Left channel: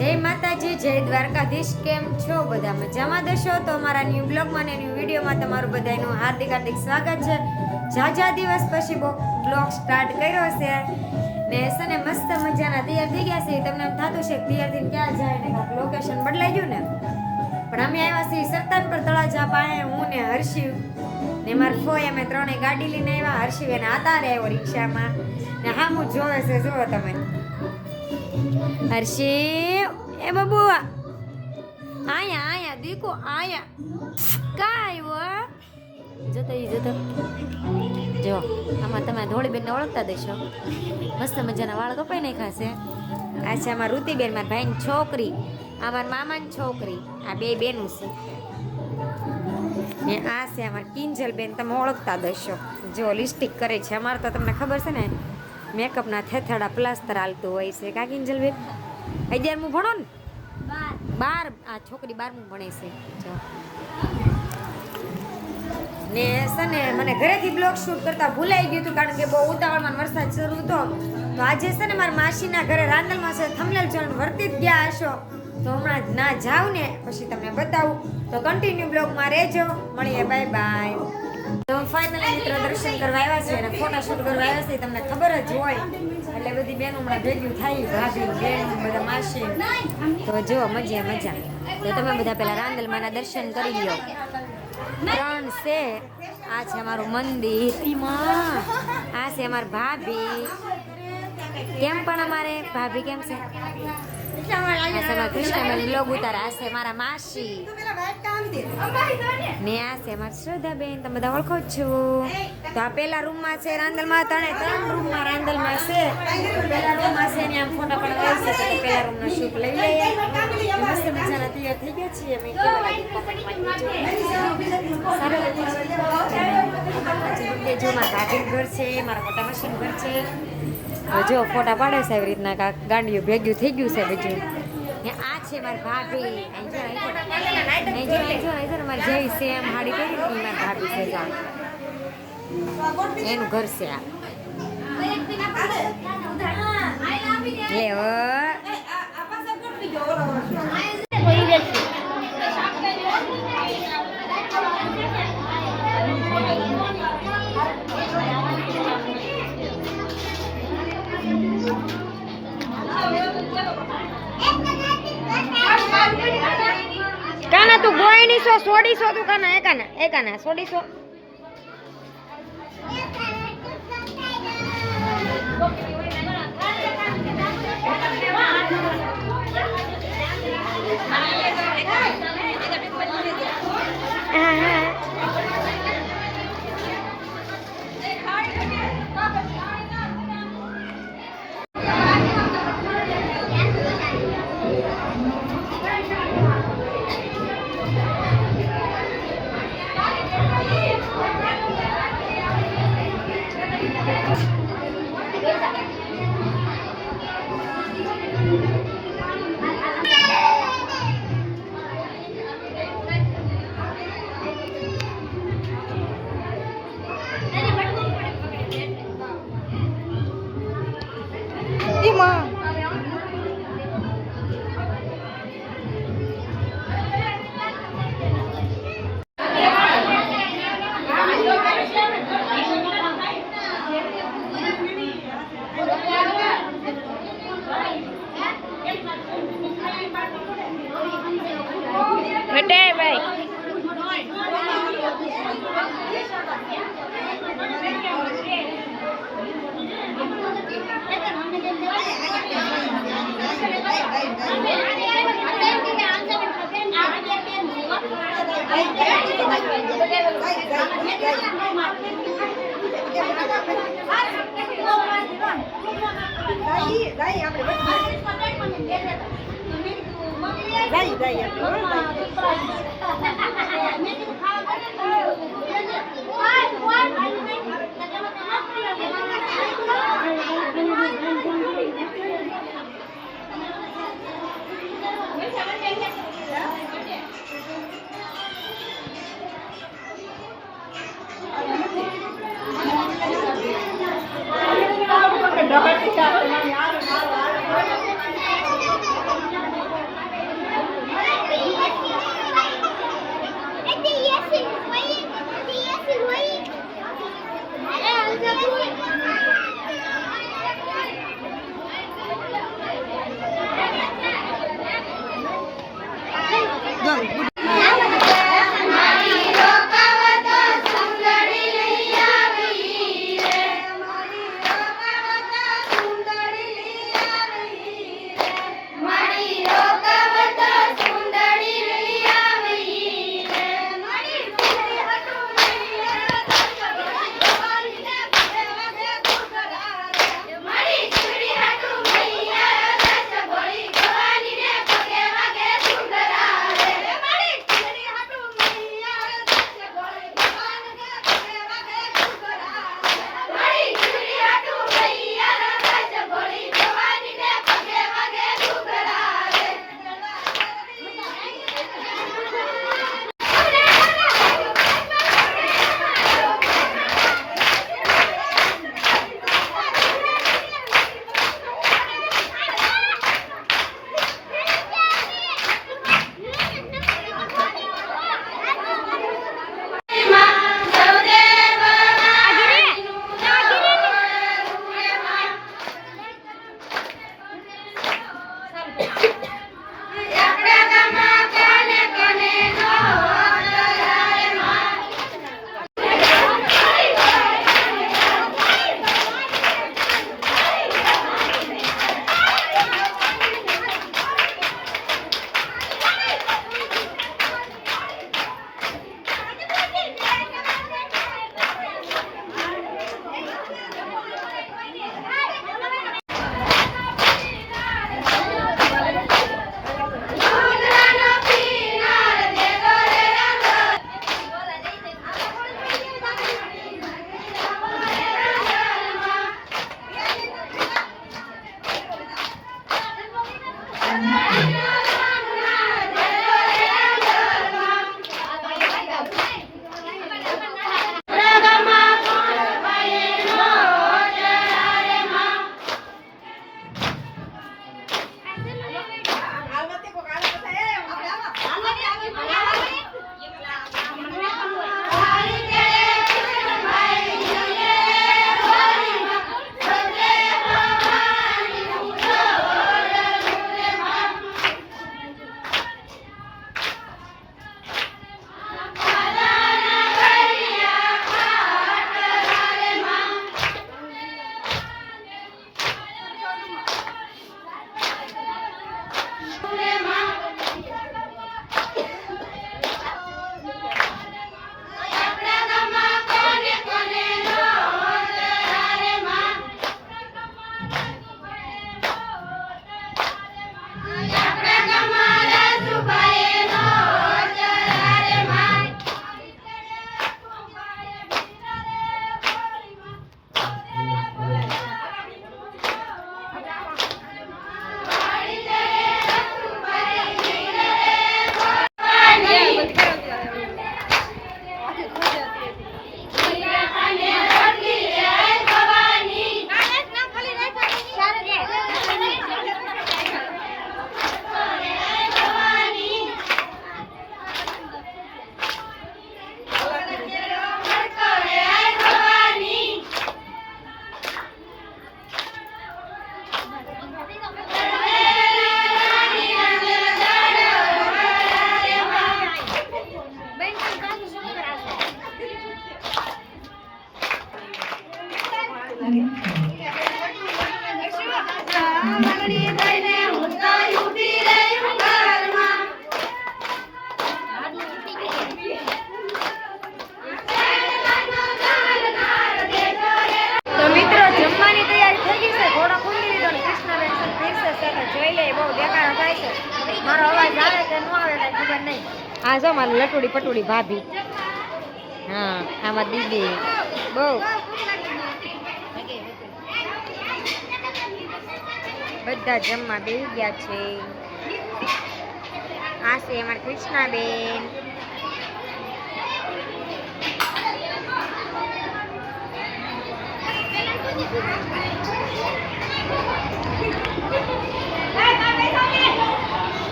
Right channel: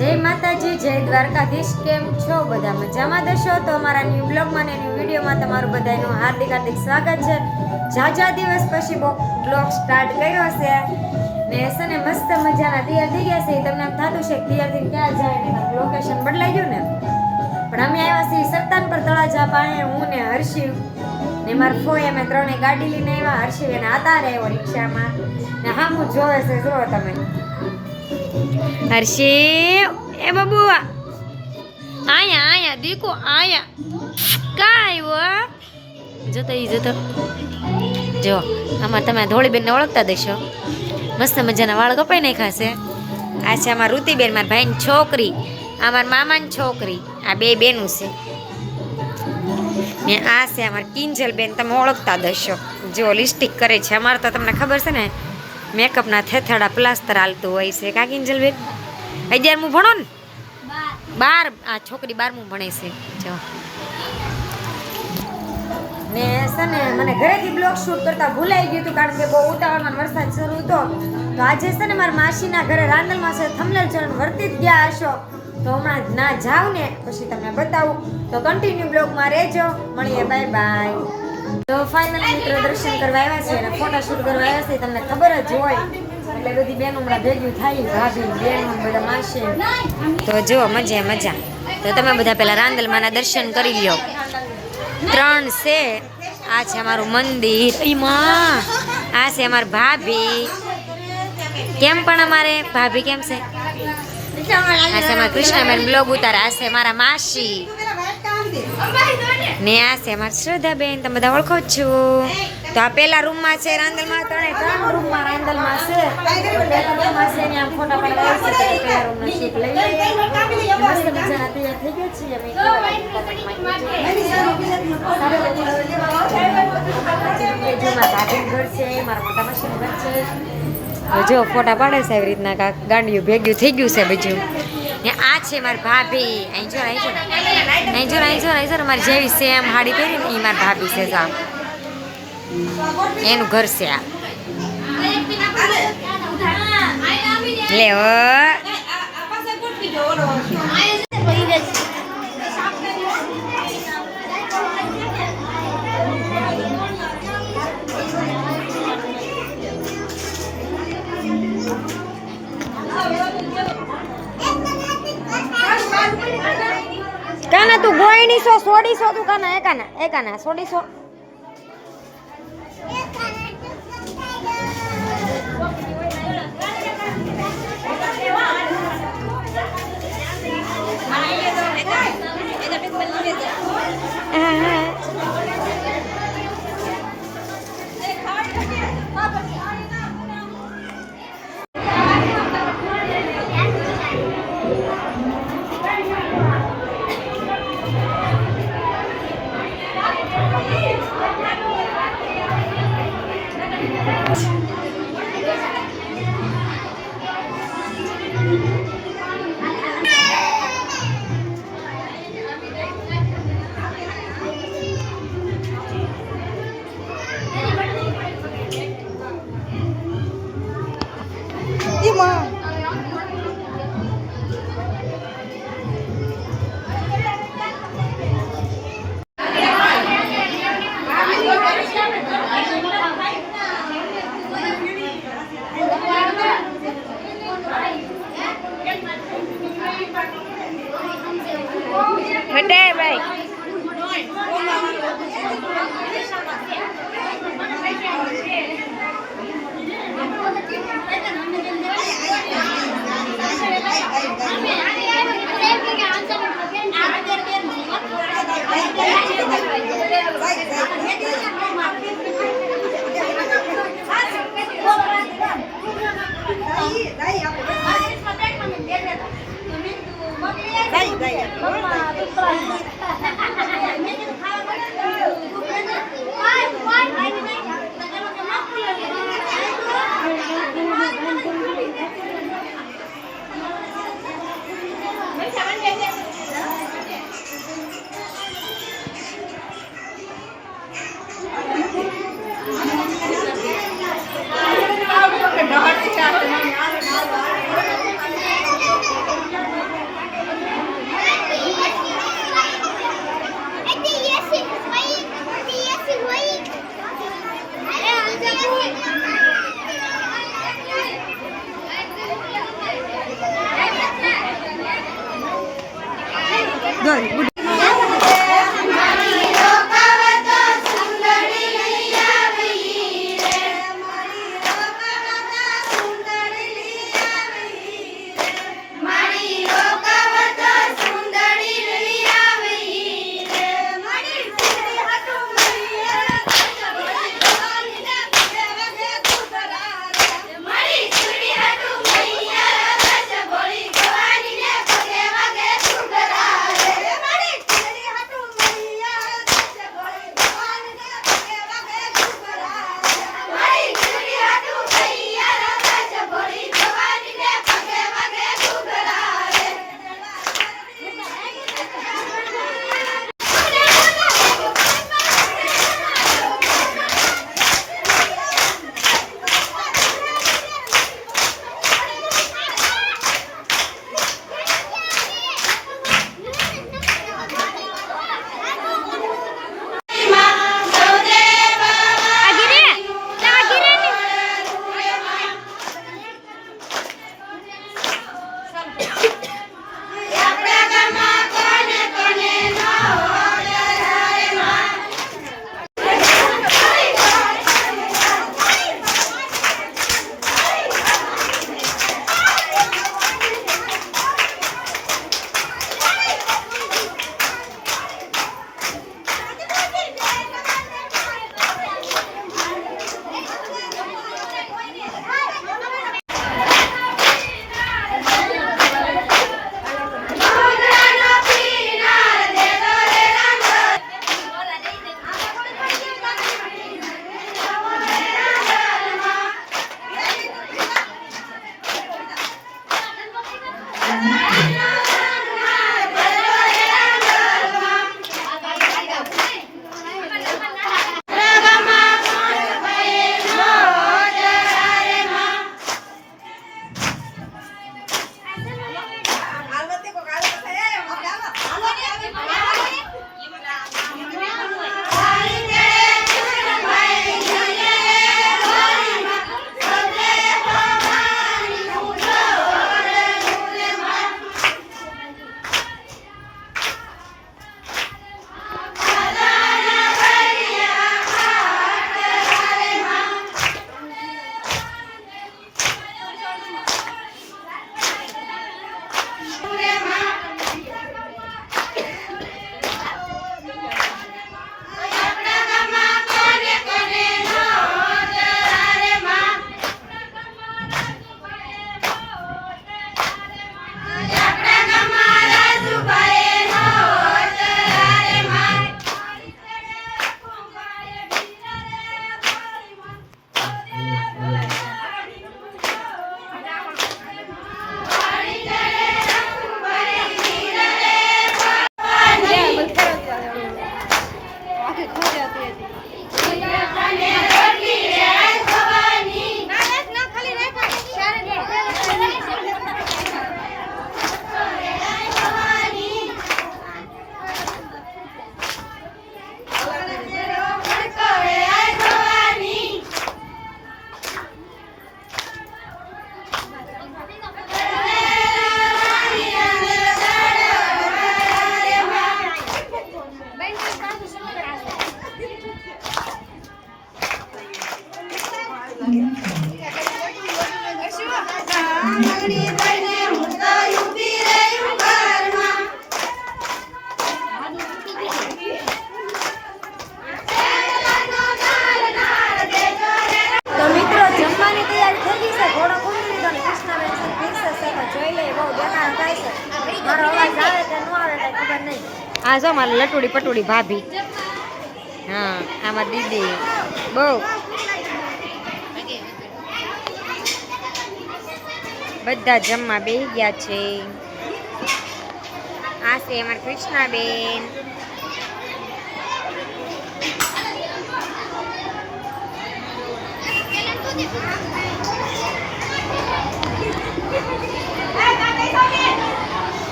જય માતાજી, જય દ્વારકાધીશ. કેમ છો બધા? મજામાં દશો? તો અમારા ન્યૂ બ્લોગમાં ને ન્યૂ વિડીયોમાં તમારું બધાનું હાર્દિક સ્વાગત છે. ઝાઝા દિવસ પછી બ્લોગ સ્ટાર્ટ કર્યો છે ને સને મસ્ત મજાના તૈયાર થઈ ગયા છે. તમને એમ થતું છે કે તૈયાર થઈને ક્યાં જાય ને લોકેશન બદલાઈ ગયું ને, પણ અમે આવ્યા છીએ સરતાનપર તળાજા પાસે. હું ને હર્ષિવ ને મારા ફોઈ અમે ત્રણે ગાડી લઈને આવ્યા. હર્ષિવ એને આતારે આવ્યો રિક્ષામાં ને હામું જોવે છે. જુઓ તમે, હર્ષિવ એ બાબુ આયા દીકો આયા કાય વો જતો જો આમાં તમે ધોળીબેનને ઓળખતા દેશો. મસ્ત મજાના વાળ કપાઈ નાખ્યા છે. આ છે અમારા ઋતિબેન, મારા ભાઈની છોકરી, આ મારા મામાની છોકરી. આ બે બેનું છે ને આ છે અમારા કિંજલબેન, તમે ઓળખતા દેશો. જો લિપસ્ટિક કરે છે. અમારે તો તમને ખબર છે ને મેકઅપના થેથડા પ્લાસ્ટર હાલતું હોય છે. કા કિંજલબેન 11મું ભણો ને? 12. આ છોકરી 12મું ભણે છે. જો ને છે ને મને ઘરેથી બ્લોગ શૂટ કરતા ભૂલાઈ ગયું હતું, કારણ કે બહુ ઉતાવળમાં વરસાદ શરૂ હતો. તો આજે છે ને મારા માસીના ઘરે રાંદલમાં છે. થંબનેલ જોઈને વર્તી જ ગયા હશો, તો હમણાં ના જાવ ને પછી તમને બતાવું. તો કન્ટિન્યુ બ્લોગમાં રહેજો. મળીએ, બાય બાય. તો ફાઇનલી મિત્રો દર્શન કરવા આવ્યા છે અને ફોટા શૂટ કરવા આવ્યા છે. તમને ખબર જ હોય એટલે બધી બેનો હમણાં ભેગી થાય, ભાભી બેનો બધા માસી. તો જો મજા. તો તમે બધા પહેલા રાંદલમાના દર્શન કરી લ્યો. 3 છે. આ છે અમારું મંદિર. એમાં આ છે અમારી ભાભી. કેમ પણ અમારે ભાભી કેમ છે? આ છે અમારા કૃષ્ણબેન બ્લોગ ઉતારે. આ છે મારા માસી ને આ છે મારા શ્રદ્ધાબેન. તમે બધા ઓળખો છો. તો આ પેલા રૂમમાં છે રાંદલમાં. 3 રૂમમાં રાંદલમાં છે. પેલા રૂમમાં છે ને આમ ફોટા પાડવા આવશે તો પેલા રૂમનો શૂટ લઈ લઈએ. મસ્ત મજાના તૈયાર થઈ ગયા છીએ અમે. કેવા લાગે કોમેન્ટમાં જો મારા ભાભીનું ઘર છે, મારા મોટા માસીનું ઘર છે. જો ફોટા પાડે છે એવી રીતના કાંક ગાંડિયું ભેગ્યું થઈ ગયું છે બીજું. ને આ છે મારી ભાભી. અહીં જો મારી જેવી સેમ હાડી પહેરી ને એ મારી ભાભી છે. જો એનું ઘર છે આ. લે કાના તું ગોયની સો સોડીસો તું કાના એકાના સોડીસો. હટે ભાઈ. તો મિત્રો જમવાની તૈયારી થઈ ગઈ છે. ઘોડો કુંડી લીધો ને કૃષ્ણાબેન છે પીરસે છે તો જોઈ લે. બહુ દેખાડો થાય છે. મારો અવાજ આવે કે ન આવે કઈ ખબર નહીં. આ જો મારી લટુડી પટુડી ભાભી. હા આમાં દીદી બહુ બધા જમવા બેસી ગયા છે. આ છે અમારા કૃષ્ણાબેન.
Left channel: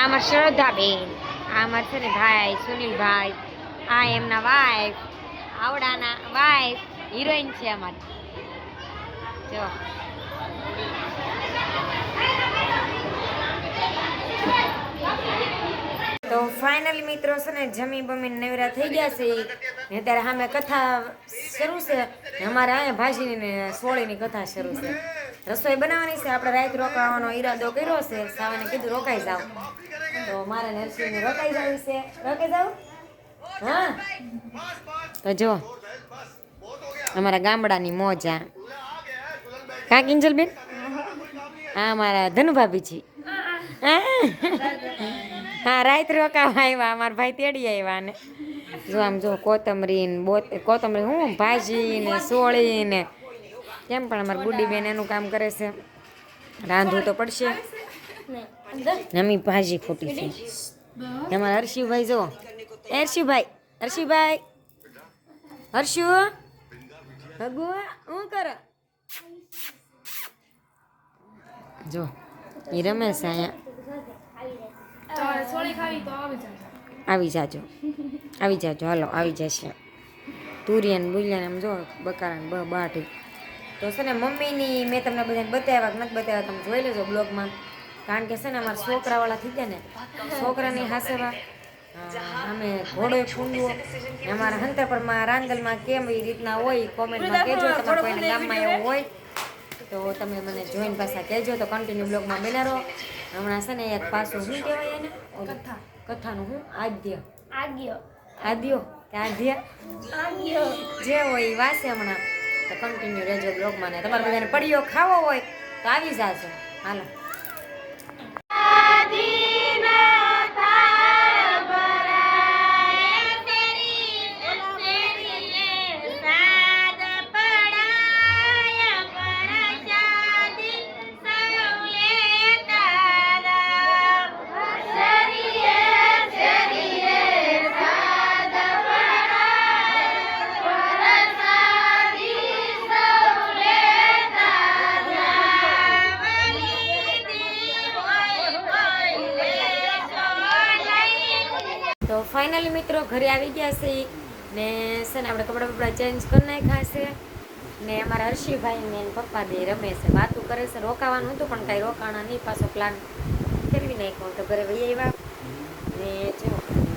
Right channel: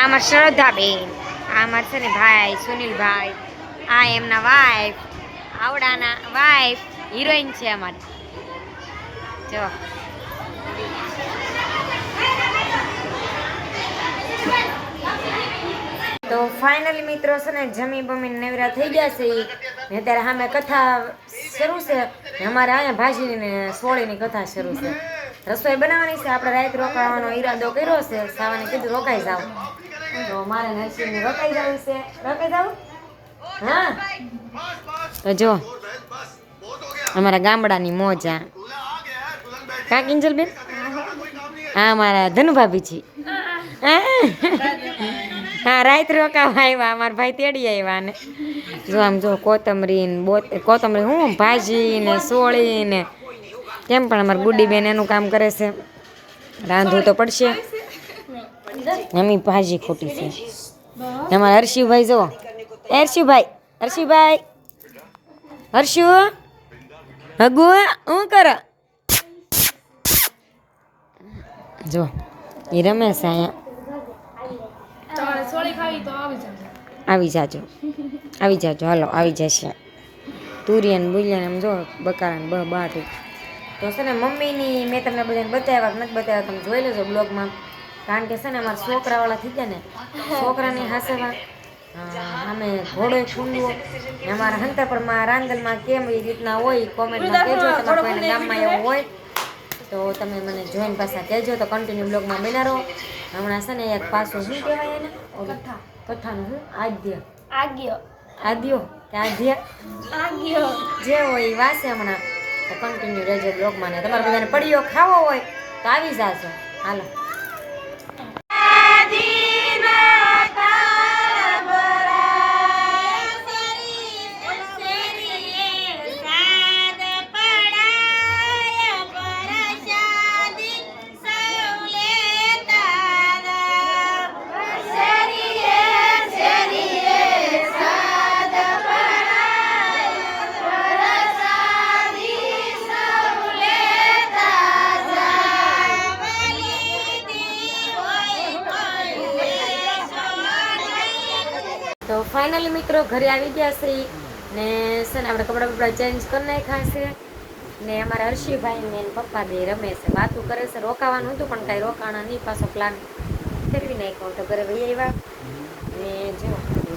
આમાં શ્રદ્ધાબેન, આમાં છે ને ભાઈ સુનિલભાઈ, આ એમના વાઈફ, આવડાના વાઈફ, હિરોઈન છે અમારી. જો તો ફાઇનલી મિત્રો છે ને જમી બમીને નવરા થઈ ગયા છે ને અત્યારે સામે કથા શરૂ છે. અમારે અહીંયા ભાજીની સોળીની કથા શરૂ છે. રસોઈ બનાવવાની છે. આપણે રાત રોકાવાનો ઈરાદો કર્યો છે. સાવાને કીધું રોકાઈ જાવ તો મારે નરસિંહને રોકાઈ જવું છે. રોકાઈ જાવ હા. તો જો અમારા ગામડાની મોજ આ કા કિંજલબેન. હા મારા ધનુભાભી છે. હા રાત રોકાવા આવ્યા. અમારા ભાઈ તેડી આવ્યા ને જો આમ જો કોથમરી ને કોથમરી હું ભાજી ને સોળી ને કેમ પણ અમારી ગુડીબેન એનું કામ કરે છે. રાંધવું તો પડશે. એમની ભાજી ખોટી છે. અમારા હર્ષિભાઈ જો હર્ષિભાઈ હર્ષુ હગુ હું કરો જો એ રમે છે અહીંયા. આવી જાજો હાલો આવી જશે. તુરિયન બુલિયન એમ જો બકારા બાઠી તો છે ને મમ્મીની મેં તમને બધાને બતાવ્યા નથી બતાવ્યા તમે જોઈ લેજો બ્લોગમાં. કારણ કે છે ને અમારા છોકરાવાળા થઈ ગયા ને છોકરાની હાસેવા અમે ઘોડો ખૂંદવો અમારા હંતરપરમાં રાંદલમાં કેમ એ રીતના હોય કોમેન્ટમાં કહેજો. તમારા કોઈને ગામમાં એવું હોય તો તમે મને જોઈને પાછા કહેજો. તો કન્ટિન્યુ બ્લોગમાં બના રહો. હમણાં છે ને એક પાછું શું કહેવાય એને કથાનું હું આદ્યો કે આધ્ય જે હોય એ વાસે હમણાં. તો કન્ટિન્યુ રહેજો બ્લોગમાં. ને તમારે બધાને પડીઓ ખાવો હોય તો આવી જાજો. હાલો ફાઇનલી મિત્રો ઘરે આવી ગયા છે ને છે ને આપણે કપડાં બપડા ચેન્જ કરી નાખ્યા છે ને અમારા હર્ષિભાઈ ને એના પપ્પા બે રમે છે, વાતું કરે છે. રોકાવાનું હતું પણ કાંઈ રોકાણા નહીં, પાછો પ્લાન ફેરવી નાખ્યો તો ઘરે વહી આવ્યા. ને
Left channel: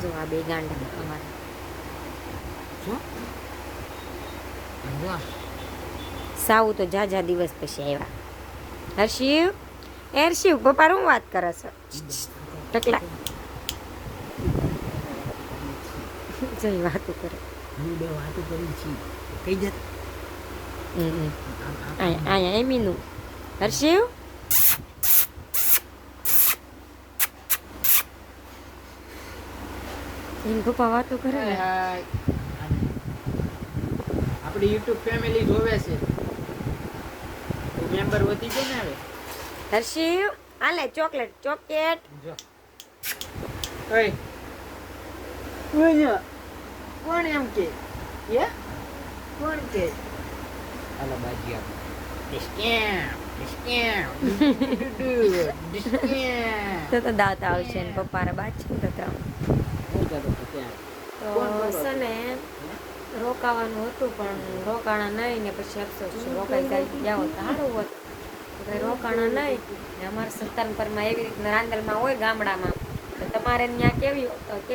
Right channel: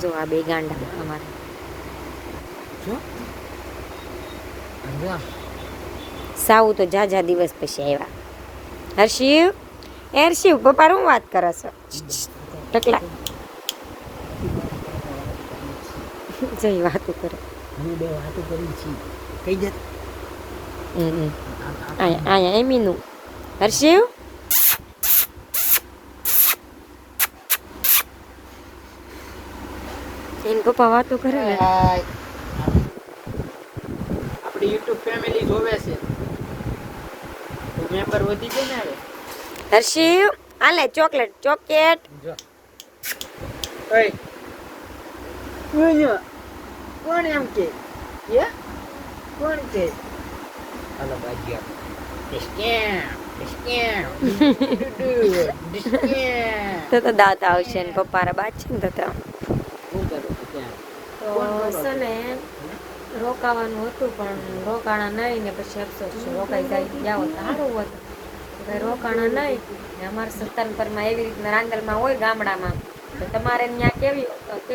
જો આ બે ગાંડા અમારે સાવ તો જા દિવસ પછી આવ્યા. હર્ષિવ પપ્પા હું વાત કરે છે ટકલા જઈ વાતું કરે. આયા એમીનું હર્ષિવ એન પપ્પા વાતો કરે ને. આપણી YouTube ફેમિલી જોવે છે તો મેમ્બર વધી જાય ને. હવે હર્ષિવ આલે ચોકલેટ જો ઓય કોણ એમ કે કોણ કે હાલો બાજી તો દાંત આવશે ને પપ્પા રા બાદ છે ને તો છે ને રોકાવાનું હતું પણ રોકાણા નહીં ને પછી અફસોસ છે રોકાઈ જાવ તો સારું હોત. કંઈ રોકાણા નહીં ને અમારે સત્તાનપરમાં એવી રીતના રાંદલમાં હોય ગામડામાં તો તમારે ત્યાં કેવી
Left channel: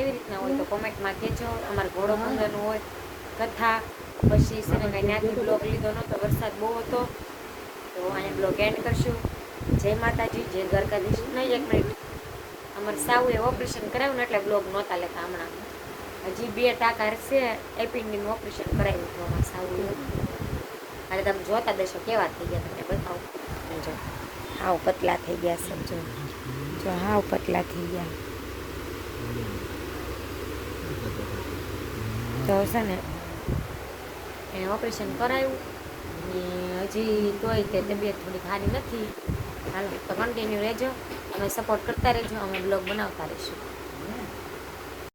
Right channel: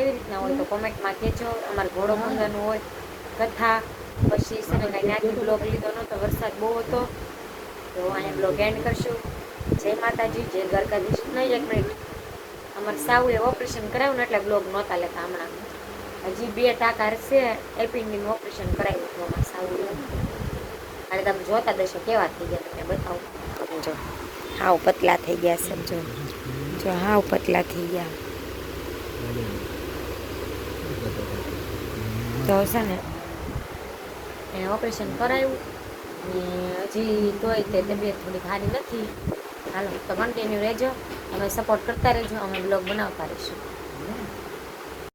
રીતના હોય તો કોમેન્ટમાં કહેજો. અમારે ઘોડો પંગરનું હોય કથા પછી છે ને કાંઈ ત્યાંથી બ્લોગ લીધો નહોતો, વરસાદ બહુ હતો તો અહીંયા બ્લોગ એન્ડ કરશું. જય માતાજી, જય દ્વારકાધીશ. નહીં 1 મિનિટ, અમારે સાવું એ ઓપરેશન કરાવ્યું ને એટલે બ્લોગ નહોતા લેતા. હમણાં હજી 2 ટાંકા છે, એપિન્ડીનું ઓપરેશન કરાવ્યું હતું અમારે સાવું. અને તમે જોતા દેશો કેવા થઈ ગયા તમને બતાવું. જો હાવ પતલા થઈ ગયા સમજો, જો હાવ પતલા થઈ ગયા. તો છે ને એને ઓપરેશન કરાવ્યું ને હજી તોય તે તબિયત થોડી સારી નથી. હાલો તો કન્ટિન્યુ રહેજો, અમે સપોર્ટ કરતા રહેજો, અમે બ્લોગ બનાવતા રહીશું.